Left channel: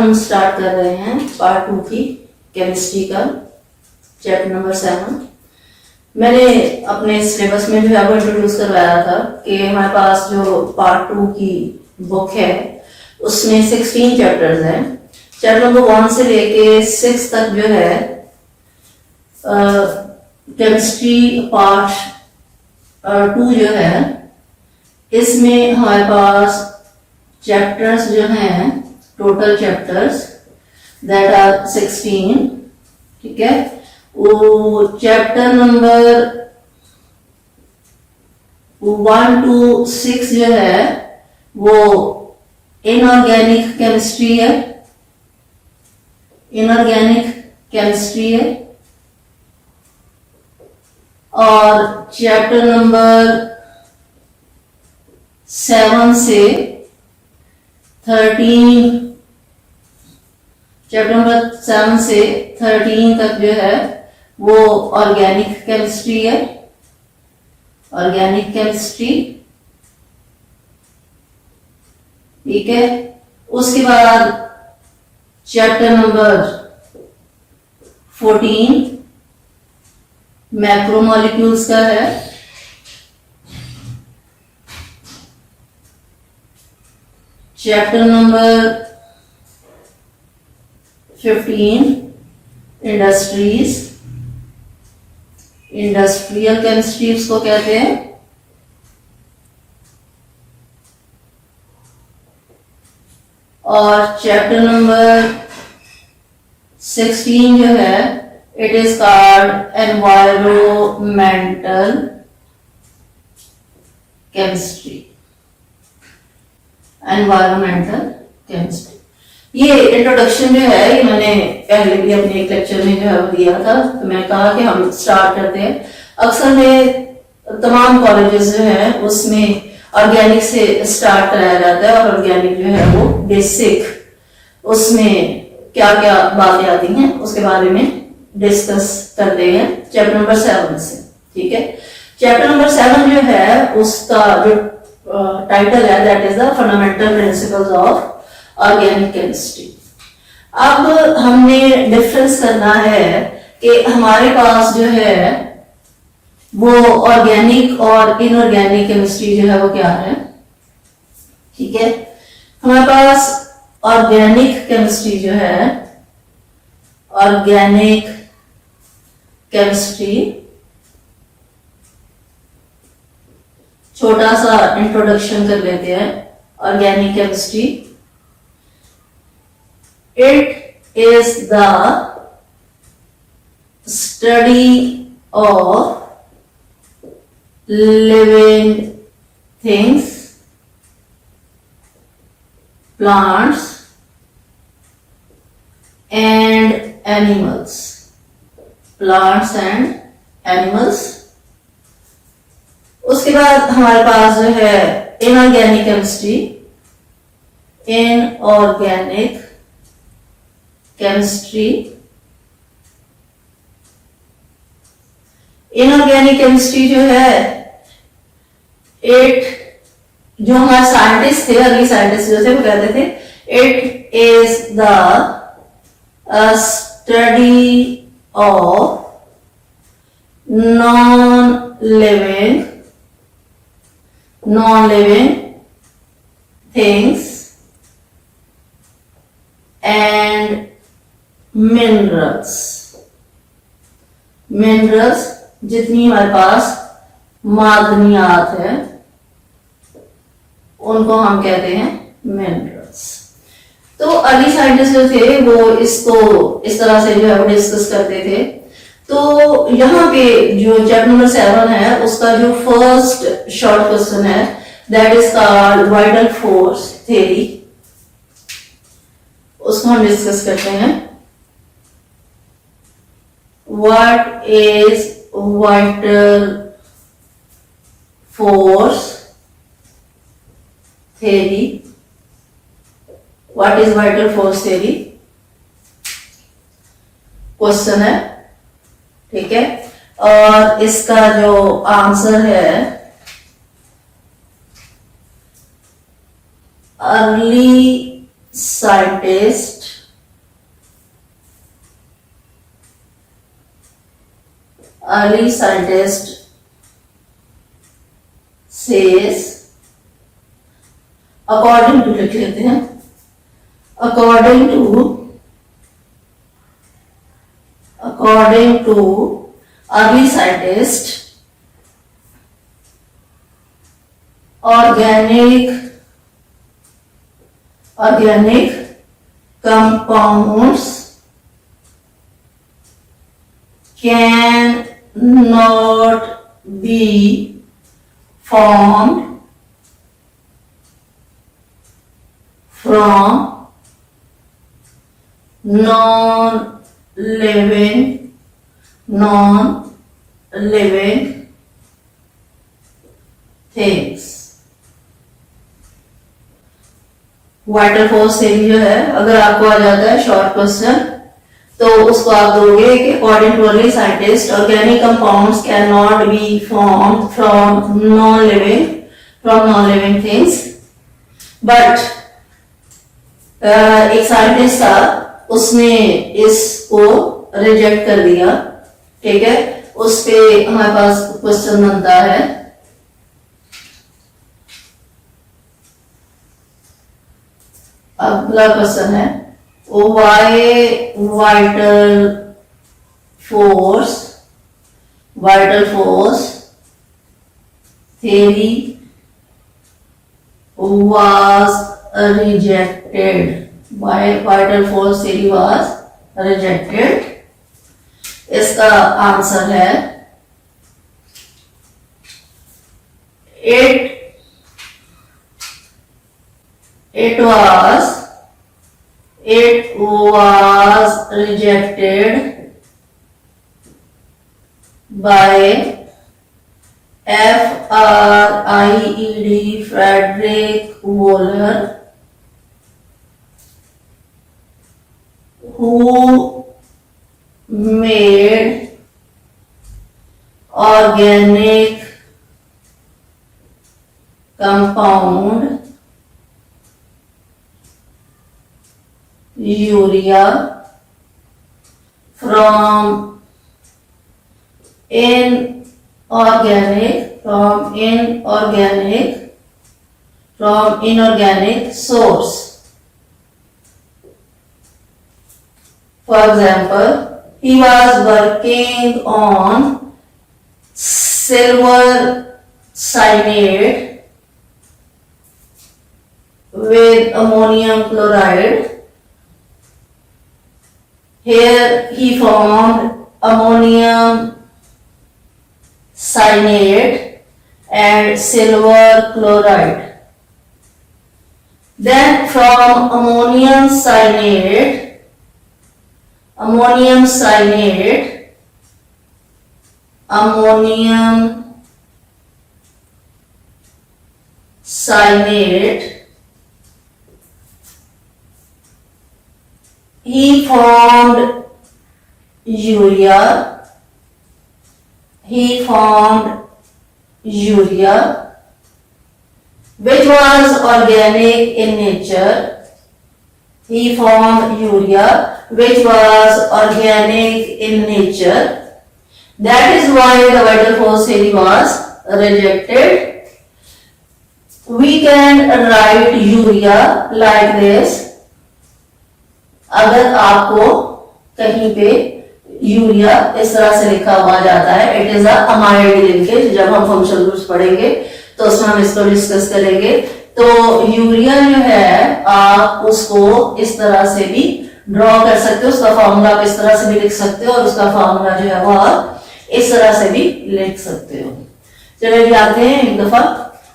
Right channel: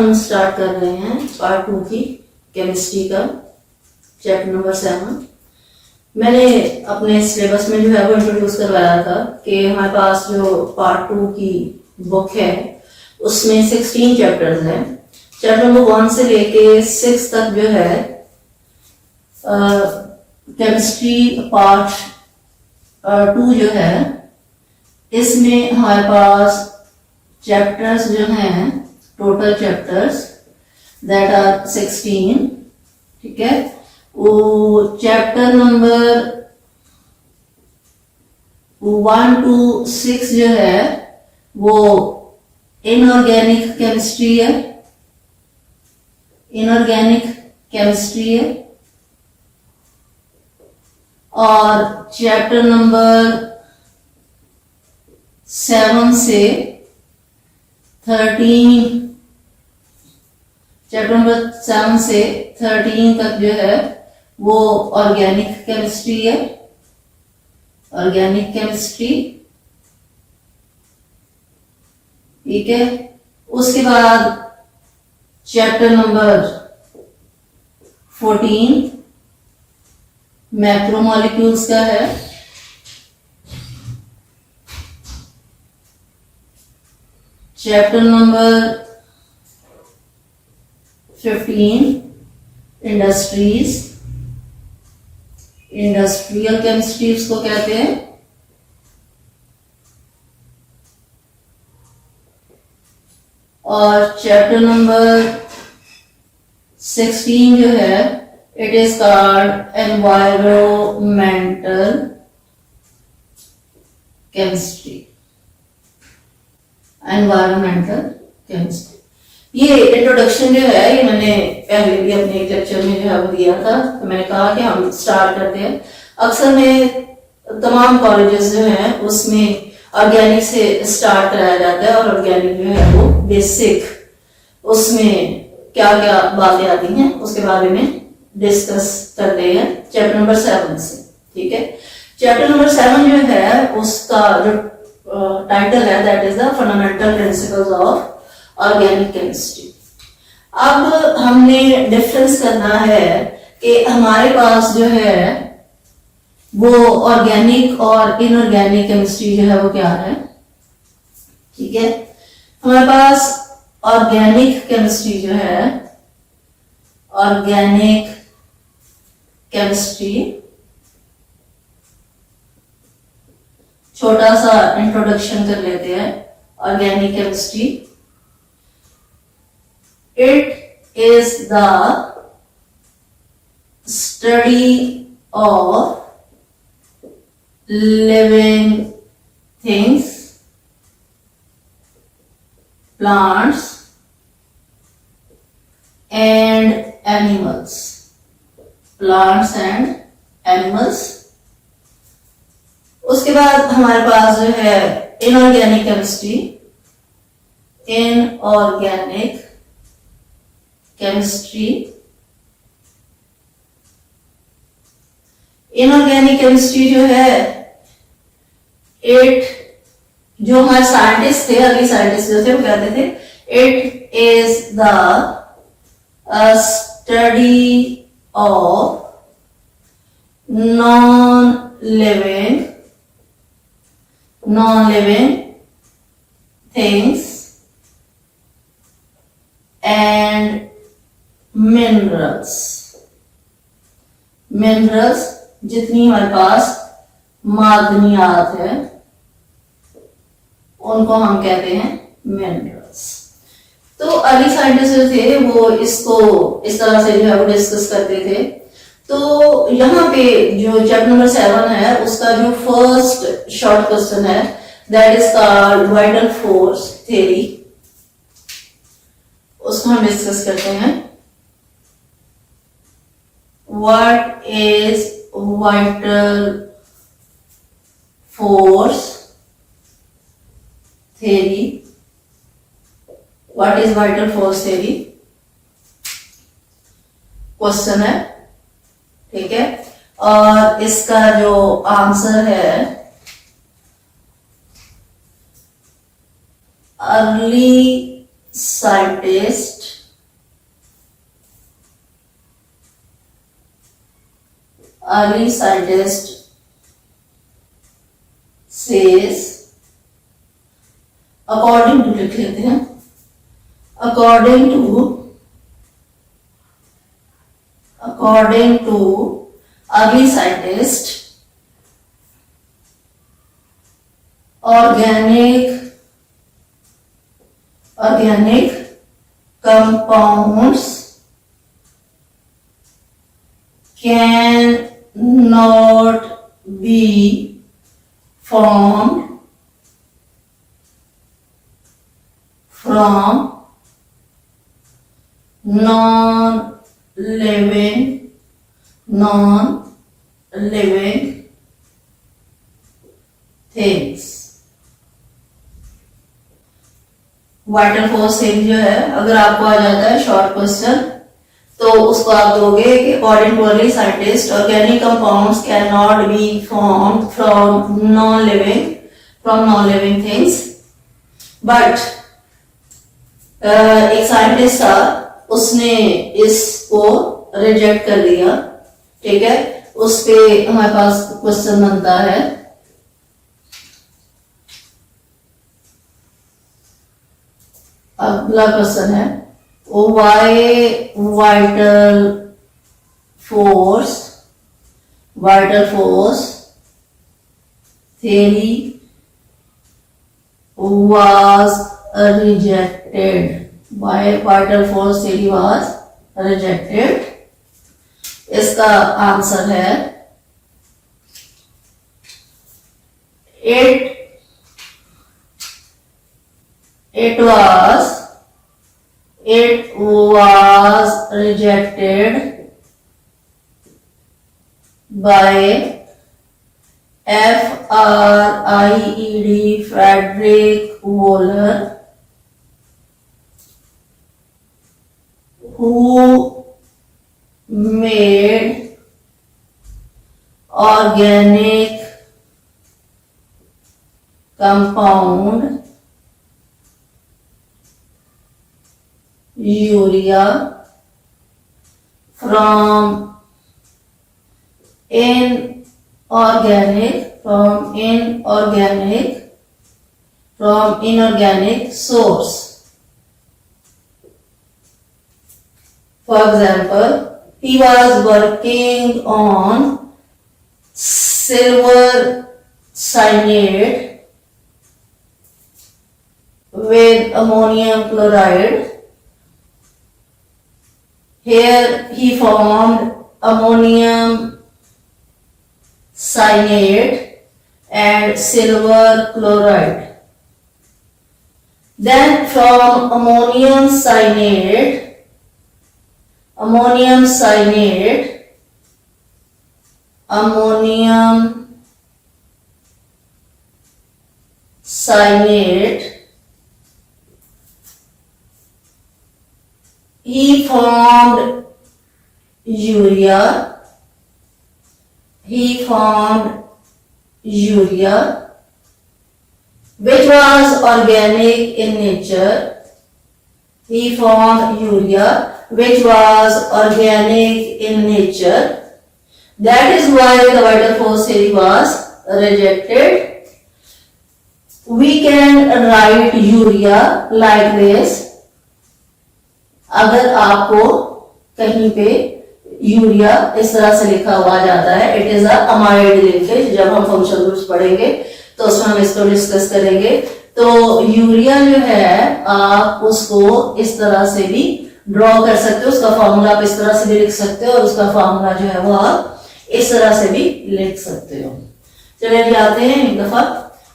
हम स्टार्ट कर रहे हैं पार्ट 2 की केमिस्ट्री का चैप्टर नंबर 7। मैंने अपने सिलेबस में जो है वो इंट्रोड्यूस करवाया था कि हमारे पास जो पार्ट 2 की बुक है उसमें 16 चैप्टर्स हैं। चैप्टर नंबर 1 से लेके 6 तक जो है केमिस्ट्री पार्ट 2 जो है इसमें हमारे पास चैप्टर्स जो हैं टोटल चैप्टर्स दैट आर 16। ठीक है, वो चैप्टर नंबर 1 to 6 जो है वो इनऑर्गेनिक केमिस्ट्री है, इनऑर्गेनिक केमिस्ट्री है। और चैप्टर नंबर 7 से 13, चैप्टर नंबर 7 से 13 तक जो है वो ऑर्गेनिक केमिस्ट्री है, ऑर्गेनिक केमिस्ट्री। ठीक है, उसके बाद चैप्टर नंबर 14 मैक्रोमोलिक्यूल्स का है। Chapter number 15 industries, industrial chemistry इसको कहते हैं। और चैप्टर नंबर 16 जो है it is called environmental chemistry, environmental chemistry. ये इंट्रोडक्शन जो है ये मैंने पहले भी अपने एक लेक्चर में जो है वो दिया था, तो मैं कहा कि हम स्टार्ट करते हैं। अक्सर में तमाम कॉलेजेस जो हैं उसमें ऑर्गेनिक से स्टार्ट कराया जाता है और ऑर्गेनिक जो है वो बेसिक उसमें क्या क्या बातें आती हैं उसके बारे में डिस्कस करते हैं चैप्टर नंबर 7 से। ठीक है, चैप्टर नंबर 7 जो है उसका जो टाइटल है that is the fundamental principles of organic chemistry. अब हमने डिफरेंस करना है कि हमारे पास जो है वो ऑर्गेनिक और इनऑर्गेनिक केमिस्ट्री जो है वो क्या है। ठीक है, हमारे पास ऑर्गेनिक केमिस्ट्री जो है, ऑर्गेनिक केमिस्ट्री, छोटा सा इंट्रोडक्शन कर लेते हैं। Organic chemistry it is the study of living things, plants and animals, plants and animals. उसके बाद हमारे पास जो है inorganic chemistry, inorganic chemistry. Inorganic chemistry जो है इट, जो हमारे साइंटिस्ट थे, अर्ली साइंटिस्ट जो थे वो कहते थे it is the study of non living things and minerals. Minerals जितनी हमारे पास मादनियात है उनको हम कहते हैं मिनरल्स। तो अर्ली साइंटिस्ट जो थे वो इसको इस तरह से जो है वो डिस्कस करते थे। तो यहाँ पे जो चैप्टर नंबर 7 है उसका जो फर्स्ट शॉर्ट क्वेश्चन है that is called vital force theory, उसको हम डिस्कस करते हैं। What is vital force theory, what is vital force theory question है। ठीक है, और इसका जो आंसर है early scientist says, according to लिख लेते हैं, according to early scientist, organic compounds cannot be formed from non-living things. Water force theory जो है, अगर आपको आ जाता है शॉर्ट क्वेश्चन तो उसको आप दोगे कि according too early scientist organic compounds can not be formed from non living things. But एक साइंटिस्ट था, उसने इसको रिजेक्ट कर दिया. ठीक है, उस पे हमारे पास क्वेश्चन बनता है. अगला क्वेश्चन है, why vital force theory was rejected. Why vital force theory was rejected? इसका आंसर है, it was rejected by Frederick Wöhler, who made organic compound urea from inorganic source. For example, he was working on silver cyanide with ammonium chloride. Here he formed ammonium cyanide and silver chloride. Then from ammonium cyanide he formed urea, which was organic in nature. That is why the vital force theory was rejected. We can write urea like this. अगर आपको कहीं पे urea इस तरह से लिखा हुआ जाता है, इट इज अमाइड लिंकेज. जब हम फंक्शनल ग्रुप्स पढ़ेंगे तो उसमें हम इसको डिस्कस करेंगे. तो यूरिया जो है आप उसको इस तरह से भी ड्रॉ कर सकते हो, उसका फॉर्मूला आप इस तरह से भी लिख सकते हो और उसका फॉर्मूला जो है वो आप इस तरह से भी लिख सकते हो. चलिए अभी आते हैं एक दफा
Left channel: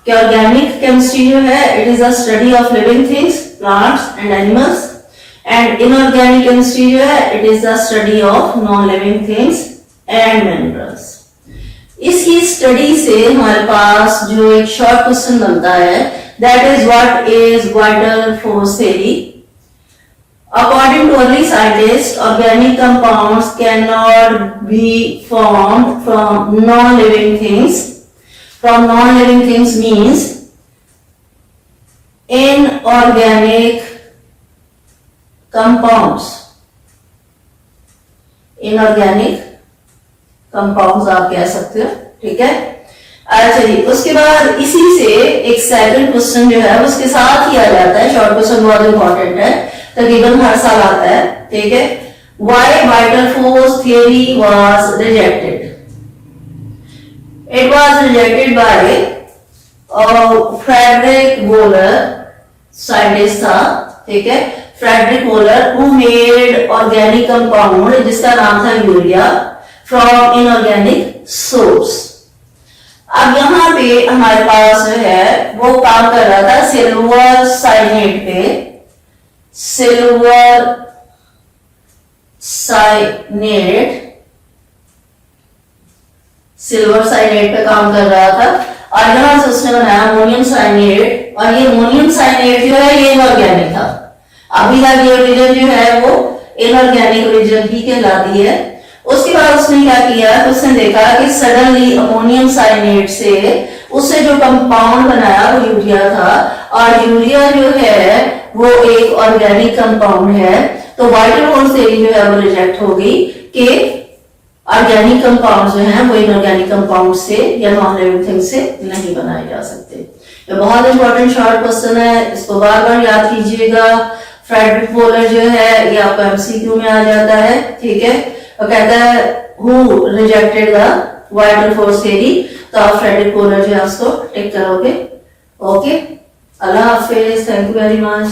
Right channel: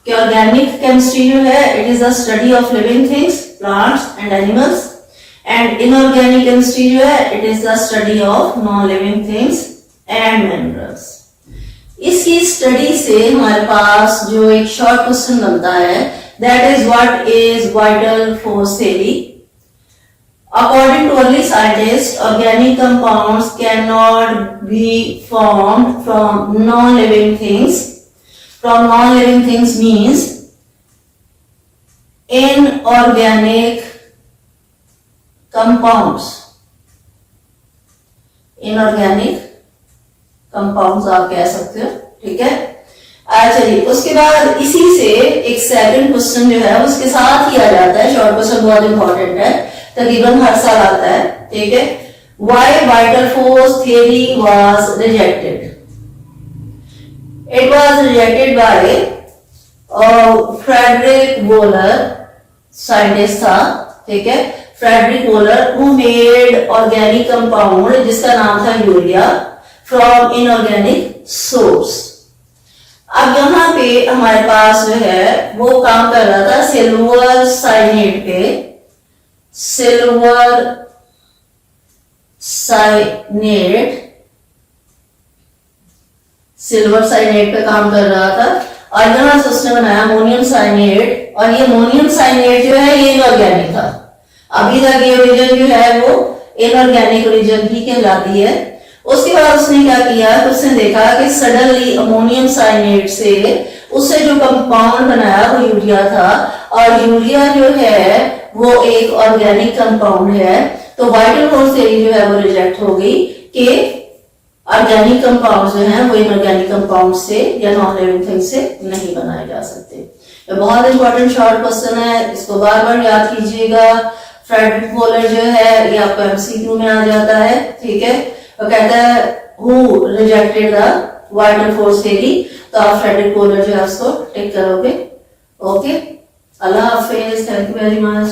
कि ऑर्गेनिक केमिस्ट्री जो है, it is the study of living things, plants and animals. And inorganic chemistry जो है, it is the study of non living things and minerals. इसकी स्टडी से हमारे पास जो एक शॉर्ट क्वेश्चन बनता है, that is what is vital force theory. According too early scientist, organic compounds can not be formed from non living things. From non living things means inorganic compounds, inorganic compounds आप कह सकते हो, ठीक है। अच्छा जी, उसके बाद इसी से एक सेकंड क्वेश्चन जो है उसके साथ ही आ जाता है, शॉर्ट क्वेश्चन बहुत इंपॉर्टेंट है, तकरीबन हर साल आता है, ठीक है। Why vital force theory was rejected? It was rejected by Frederick Wohler, scientist था, ठीक है, Frederick Wohler, who made organic compound जिसका नाम था यूरिया फ्रॉम इनऑर्गेनिक सोर्स। अब यहाँ पे हमारे पास जो है वो काम कर रहा था सिल्वर साइनेट पे, सिल्वर साइनेट, सिल्वर साइनेट पे काम कर रहा था, और यहाँ से उसने बनाया अमोनियम साइनेट, और ये अमोनियम साइनेट जो है ये इनऑर्गेनिक था। अभी तक ये ओरिजिन जो है वो इनऑर्गेनिक ओरिजिन ही कहलाती है। उसके बाद उसने क्या किया, तो उसने देखा कि सडनली अमोनियम साइनेट से उससे जो कंपाउंड बनाया वो यूरिया था, और यूरिया जो है वो एक ऑर्गेनिक कंपाउंड है, तो वाइटल फोर्स थ्योरी जो है वो रिजेक्ट होगी कि ऑर्गेनिक कंपाउंड जो हैं वो इनऑर्गेनिक कंपाउंड से या नॉन लिविंग थिंग से नहीं बनाए जा सकते। ये बहुत इंपॉर्टेंट शॉर्ट क्वेश्चन है, इसको बार बार याद कीजिएगा। फ्रेडरिक वोलर जो है ये आपका एमसीक्यू में आ जाता है, ठीक है, और कहता है who rejected the vital force theory, तो आप फ्रेडरिक वोलर जो है उसको टिक करोगे। Okay, Allah Hafiz, thank you very much.